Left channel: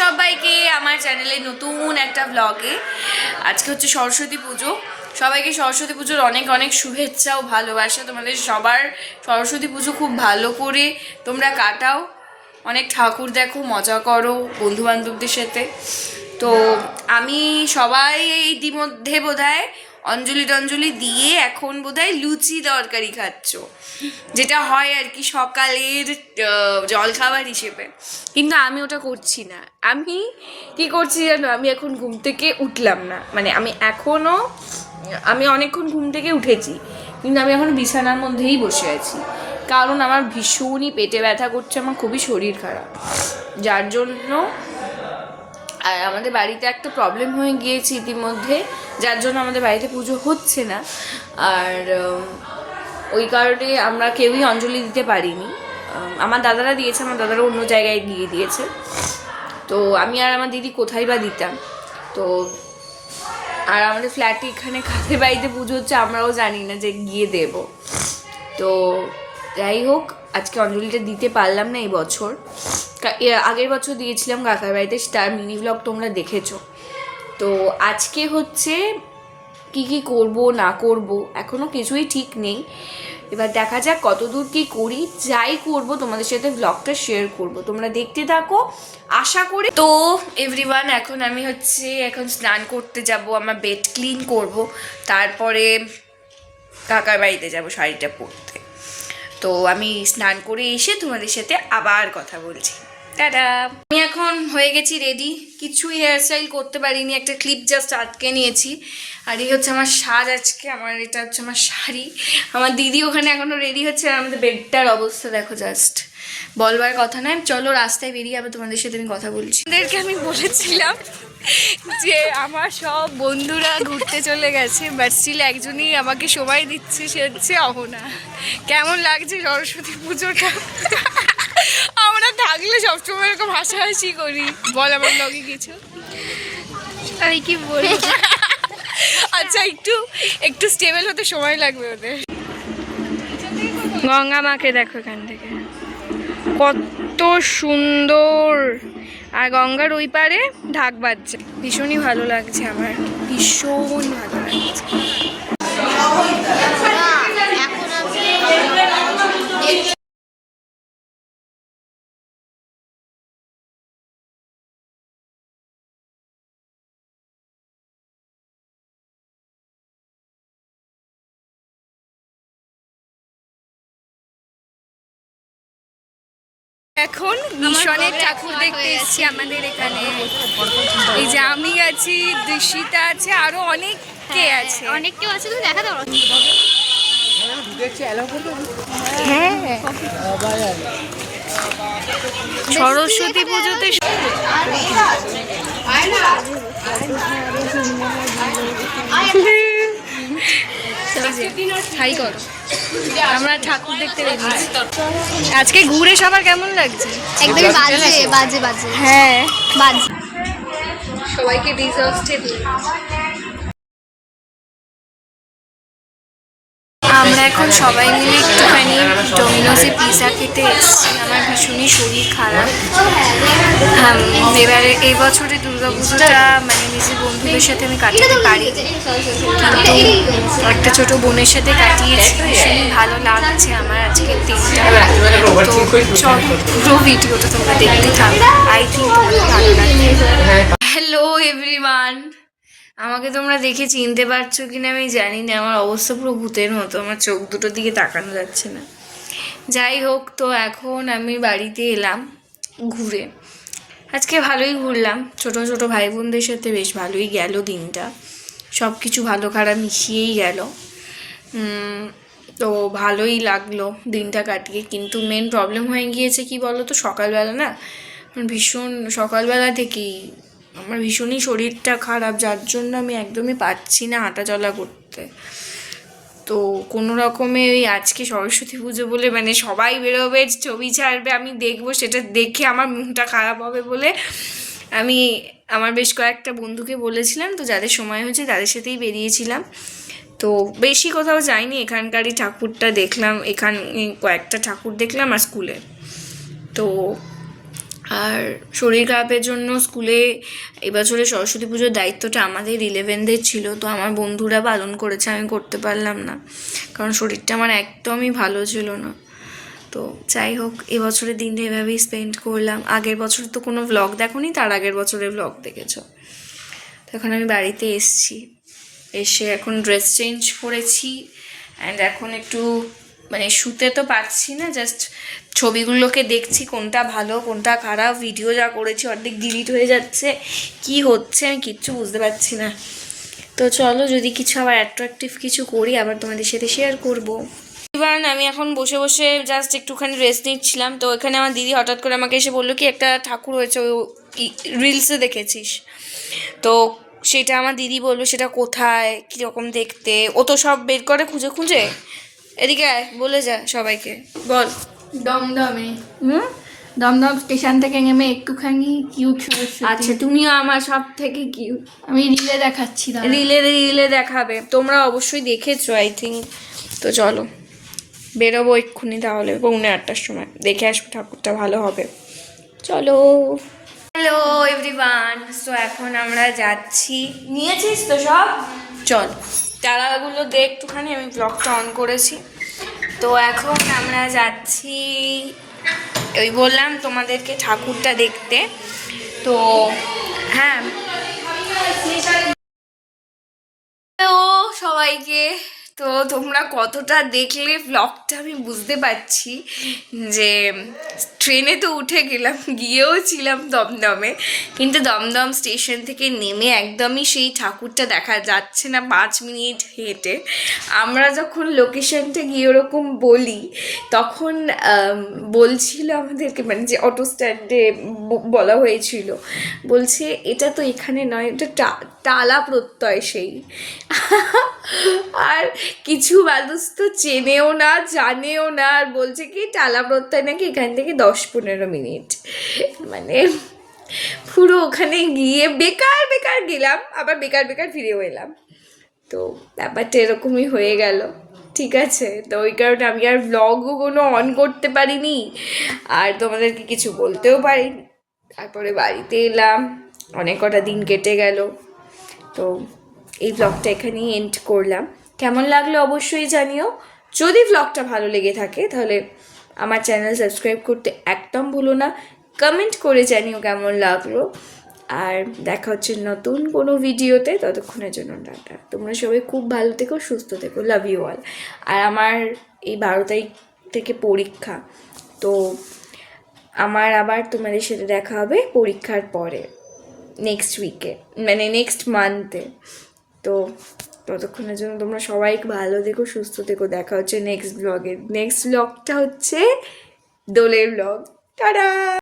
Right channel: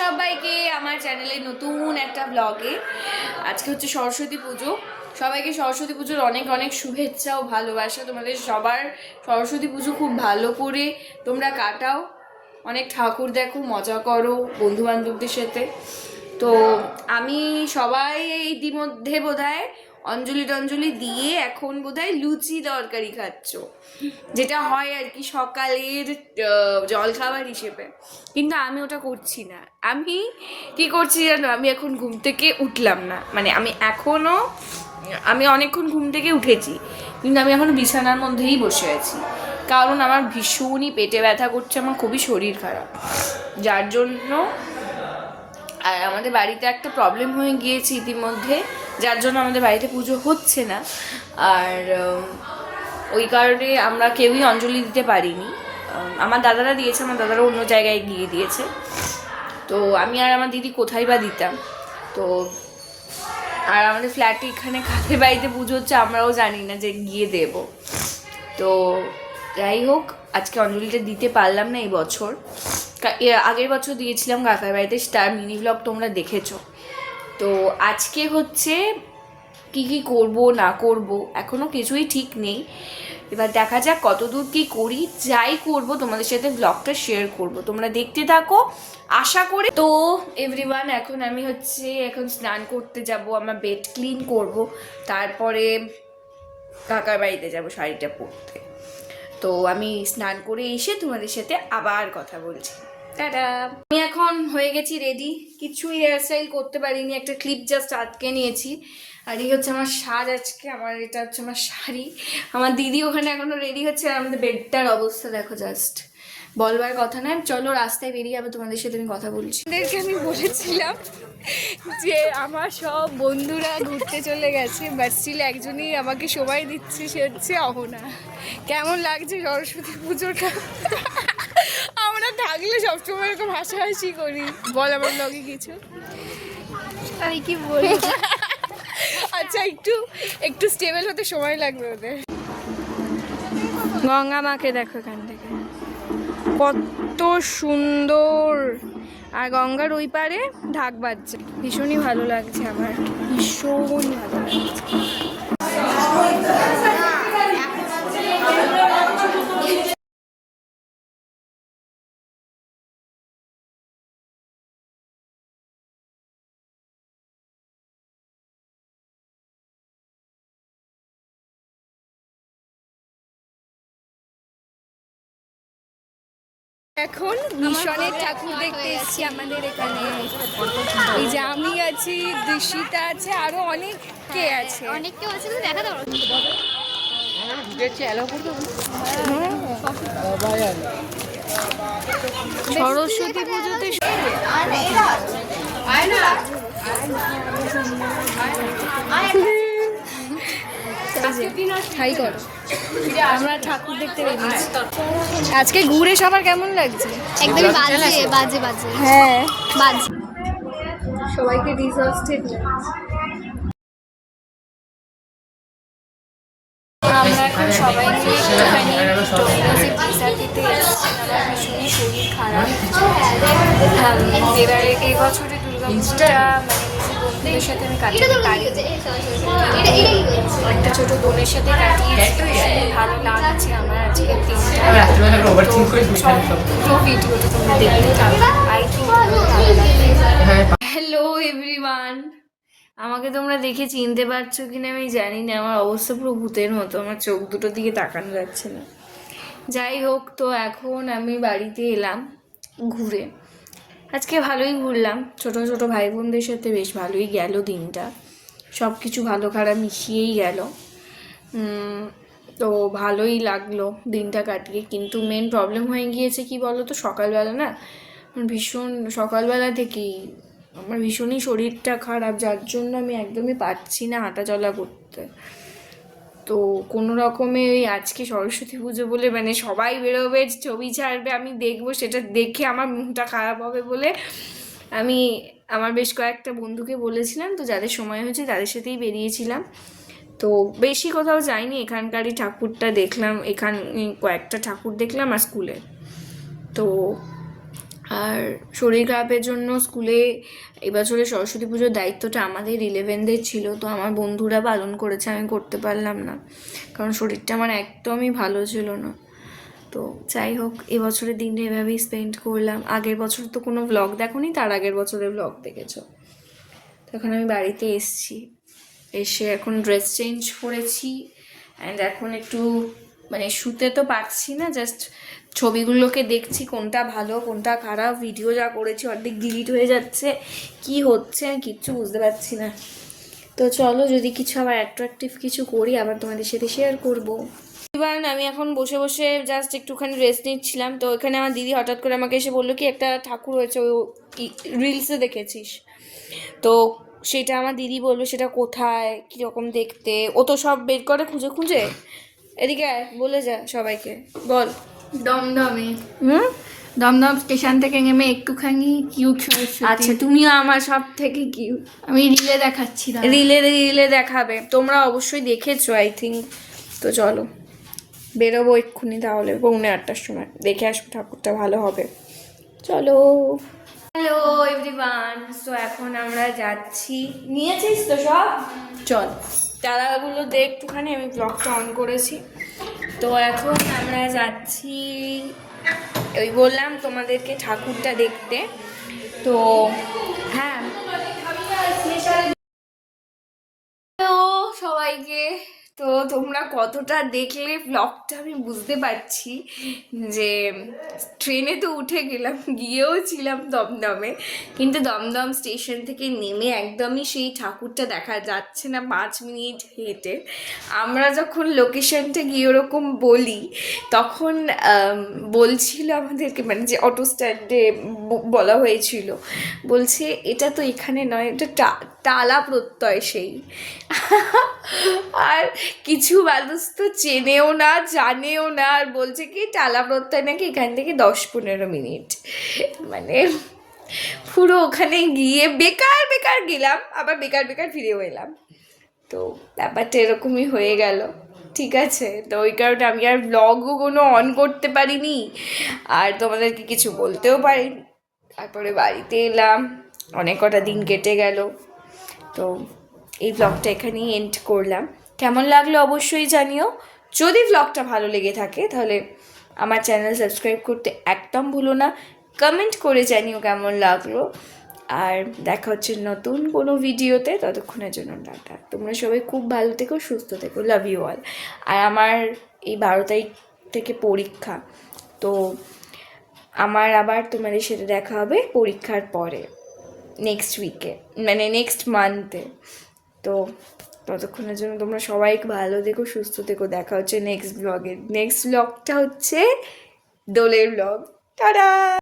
সবাইকে আমার চ্যানেলে নতুন একটা ব্লগে। আজকে হচ্ছে সরস্বতী পুজো। সবাইকে সরস্বতী পুজোর অনেক অনেক শুভেচ্ছা ও ভালোবাসা। তোমাদের সবার সরস্বতী পুজো খুব ভালো করে তোমরা কাটাও, অনেক ঠাকুর দেখো, মজা করো বন্ধু বান্ধবদের সাথে। তো আমি সবাই ইতিমধ্যে বোধহয় অঞ্জলি টঞ্জলি দিয়ে এখন বোধহয় লুচি তরকারি খাচ্ছ, যেটা হয় আর কি সকালের জলখাবার হিসেবে। কিন্তু আমি ওটা করছি না। আমি কি করছি জানো? আমি এখন ঘুম থেকে উঠলাম না, মানে আমি অনেকক্ষণ ঘুম থেকে উঠেছি, কিন্তু আমি এখনো বিছানার মধ্যেই বসে আছি, কারণ আমার ভীষণই পেটে ব্যথা করছে, আমার খুবই শরীর খারাপ, যার জন্য। আর আমাদের বাড়িতে একটা প্রবলেম হয়ে গিয়েছে ইতিমধ্যে, যার জন্য আমাদের বাড়িতে পুজো হচ্ছে না। আর ওই কারণে আমরা কেউই অঞ্জলি দিতে পারিনি। আমার দাদারা দিয়েছে, আমার দাদারা অন্য জায়গায় গিয়ে দিয়েছে। তো আমি আর আমার দিদি কোথায় বা দিতাম। তো আর আমাদের ফ্ল্যাটে এখানে কাদের বাড়িতে পুজো হচ্ছে আমরাও জানি না যে গিয়ে দেব। তো যাই হোক, আজকে অঞ্জলিটা দিতে পারলাম না এই বছর। আগের বছর দিয়েছিলাম কাকার বাড়িতে, তার মিনি ব্লগ তোমরা দেখেছো। তো আজকে হচ্ছে কি কি করব না করব এখনো কিছুই ঠিক নেই। এবার দেখা যাক কতদূর কি করি। যাই করব তোমাদের সাথে ব্লগটা শেয়ার করব, তোমরা দেখতে থাকো আশা করি। তো এভরিওয়ান, এখন স্নান করতে যাব, আমার বেড ক্লিন করব, তারপরে কাকার বাড়িতে যাব শাড়িটা পরতে। তো আমি স্নান করে এসে তোমাদের সাথে আবার কথা বলছি। টাটা। আমি এখন হয়ে গেছি রেডি, কিছু হেয়ার স্টাইল করতে পারিনি, একটা ক্লিপ জাস্ট আটকে নিয়েছি। আর এই হচ্ছে আমার সাজ আজকে, এটা হচ্ছে আমার শাড়ি। আমার দিদি ওখানে এখনো রেডি হচ্ছে, আর আমাদের বেডটার অবস্থা দেখো, জাস্ট বলবার কথা নয়। চলো রাস্তায় বেরিয়ে আবার তোমাদের সাথে আমি কথা বলছি। ওদেরকে আমি বলেছিলাম যে আমার সব বন্ধুরা ঘুরতে চলে গেছে, বাট স্টিল একজনই আমাকে সময় দিচ্ছে, সে হচ্ছে অহনা। কেমন লাগছে সরস্বতী পুজোটা? আমরা থাকলে সবসময় এরকম হাসাহাসি করি। বল আমার লগে কিছু। আমি কি বলি? আচ্ছা, একটু স্টেবল হতে সময় লাগবে ওদের। গঙ্গা মাকে দেখো এখান থেকে, কত সুন্দর। আর গঙ্গার ওই পারে ঢাক বাজছে, ভীষণই ভালো লাগছে আমার, ভীষণই ভালো লাগছে। এখন মিশনের ঠাকুর দেখতে এসেছি আমাদের এখানে। এই যে আমি আছি, দৃশিতা আছে, আরো অনেকে আছে। অনেক কেউ আছে, তুমি দেখা দাও। হ্যাঁ, সরস্বতী পুজোতে আমরা ঠাকুর দেখতে বেরিয়েছি। আজকে ঘুরে সবার কেমন লাগছে? একদম বাজে বাজে বাজে। হ্যাঁ, বাজে। সবাইকে ডিজাস্টেড। আমরা এখন সবাই মিলে একটুখানি ডোমিনোসে পিৎজা খেতে এসেছি। আমার ভীষণই শরীর খারাপ। হ্যাঁ, এবারে এই বছরে দুর্গাপুজোটা মানে নিজের বন্ধুদের সাথে আমি কাটাতে পারি, একটা ছোট বোনের সাথে কাটিয়েছি। ভীষণই ভালো লাগছে আমার আজকের দিনটা। সব পুরো ভিডিওটা তোমরা দেখতে থাকো, আই থিঙ্ক ভালো লাগবে। হ্যালো এভরিওয়ান, আমাকে তোমরা দেখে চিনতে পারছো কিনা আমি জানি না, আমার অবস্থা পুরো ভূতের মতো, আমার চোখ দুটোর দিকে তাকানো যাচ্ছে না। যাই হোক, তো এখন আমি বাড়িতে এলাম ঘুরে। আজকে ভালোই ঘুরলাম, ছোট ছোট ভাই বোনদের সাথে বেশ ভালোই গেল দিনটা, সব কিছু ভালো খারাপ মিশিয়েই গেল। তো ভালোই লাগলো দিনটা কাটিয়ে। কিন্তু মেন প্রবলেম হয়ে গিয়েছে কি বলো তো, সকালবেলা না ভীষণ, সকালবেলা থেকেই আমার ভীষণই শরীরটা খারাপ, যার জন্য আমি একদমই পারছি না হাঁটা চলা করতে। তো কোনো রকমে ওই আজকে সরস্বতী পুজো বলে মানে সবাই বেরোবে, ছবি ছাড়বে, আমি দেখবো, সেটা দেখে আমার মনটা খারাপ হবে বলে আমি আমার বেশ কয়েকটা বন্ধুকে বলেছিলাম, তো যাদের সময় হয়েছে তাদের সাথেই বেরিয়েছিলাম। তো বেশি কোথাও যাইনি, এখানকারই ঠাকুরটা দেখলাম, এখানে কয়েকটা ঠাকুর দেখলাম আর স্কুলে। তো আর শরীর খারাপের জন্য স্কুলে এবছরে সরস্বতী পুজোর দায়িত্বটা আমাদের 11দের ছিল, তো আমার বন্ধুরা পালন করেছে, আমি করতে পারলাম না কারণ শরীরটা আমার একদমই ভালো ছিল না। তো যাই হোক, এবছরের দিনটা এভাবেই স্পেন্ড করলাম। আগের বছর তো কোনো ভ্লগ দেখোনি, তার আগের বছরের ভ্লগ দেখেছো। তো এখন আমি বাড়িতে এসে এখন ড্রেস চেঞ্জ করেছি অ্যান্ড এখন একটু মানে শুতে তো পারছি না, জাস্ট ছবিগুলোকে দেখছি কোনটা ভালো কোনটা খারাপ। ভিডিও যা করেছি অর্ধেক ডিলিট হয়ে যাচ্ছে, কি হচ্ছে আমি কিচ্ছু বুঝতে পারছি না। তো চলো, যদি কিছু আবার অ্যাট্রাকটিভ কিছু করি আবার তোমাদের সাথে শেয়ার করবো। এবার আমি এখন বসে বসে জাস্ট একটুখানি রেস্ট নিচ্ছিলাম, তো এখানে আমার দিদি হঠাৎ করে আমাকে এসে বললো কি একটা ঠাকুর হয়েছে, ও রিলসে দেখেছিস? তো সেটা আমার দিদি বললো সেটা কোথায়, কীরকম দেখতে, ও তো সব বের করে খুঁজে খুঁজে। এদিকে আয়, বলে যা সবাইকে, বল। দমদমে দমদম স্টেশন থেকে নেমে একটুখানি কিউট আচ্ছা, তুমিও আমার সব থেকে কিউট। আমি রিলে দেখাচ্ছি রিলে দেখাবে, তোমরা অবশ্যই দেখেছো আই থিঙ্ক। তো চলো বেরোবো এক্ষুনি, তাহলে 8:45টার সময় দেখে আসবো ঠাকুরটা, ভালো হবে। চলো। হ্যালো এভরিওয়ান, সো এখন আমরা যাচ্ছি। নিয়েছিস তো সব? চল, তারাগুলো দে একটুখানি, আমি ব্লগটা অন করেছি। তো এখন আমরা যাচ্ছি, ওই বললাম তোমাদেরকে ঠাকুরটা দেখতে। তো হ্যাঁ, তো সবাইকে, তো তোমরা কতটা দেখলে ব্লগটা আমি বুঝতে পারছি। যে ট্রেনে তো উঠে গেলাম, গিয়েও ছিলাম দমদমে, কিন্তু দমদম স্টেশন থেকে নেমে একদমই সেই ঠাকুরটা দেখা যাচ্ছে না 5 মিনিট হেঁটে। আমরা যখন লোকেশনটা গিয়ে ওরকম বলি, তখন বলছিল আমাদেরকে, মানে যে অটো স্ট্যান্ডে বলা হয়েছিল, বলছে এটা তো এখানে নয়, এটা টালা প্রত্যয় সেই। আর কিছু মানুষ তো চেনেও না জানেও না, আর বলছে কি টালা প্রত্যয় নাকি এখান থেকে 10-15 মিনিট। মানে পুরো ওখানে গিয়ে বেকার বেকার গেলাম, আবার বেকার বেকার ফিরেও এলাম। তো ব্যাপারটা এরকমই হয়ে গেল। ঠিক আছে, তো ওই কারণে আমি আর ব্লগও কোনো অন করতে পারিনি, আর তোমাদেরকে কিছু বলতেও পারিনি। তারপরে বাড়িতে এলাম, অনেক কটা দিন কেটে গেল। তো এই ব্লগটা এখানেই এন্ড করলাম। কেমন লাগলো অবশ্যই জানিও। যদি ব্লগটা ভালো লেগে থাকে তাহলে আমার চ্যানেল সাবস্ক্রাইব করতে একদম ভুলো না। কমেন্ট করে জানিও কেমন লাগলো। আর দেখা হচ্ছে নতুন কোনো ভিডিওতে, ততক্ষণের জন্য টাটা। তোমরা সবাই খুব ভালো থেকো, সুস্থ থেকো, লাভ ইউ অল। আর আমার এই 12 তারিখ থেকে পরীক্ষা, তো আমার আবার তোমাদের সাথে দেখা হবে পরীক্ষার পরে, নেক্সট উইকে, মানে নেক্সট মান্থে। তো ততক্ষণের জন্য তোমরা সবাই ভালো থেকো, সুস্থ থেকো। দেখা হচ্ছে নেক্সট ব্লগে। নেক্সট ব্লগটা হচ্ছে দোলের ব্লগ। টাটা।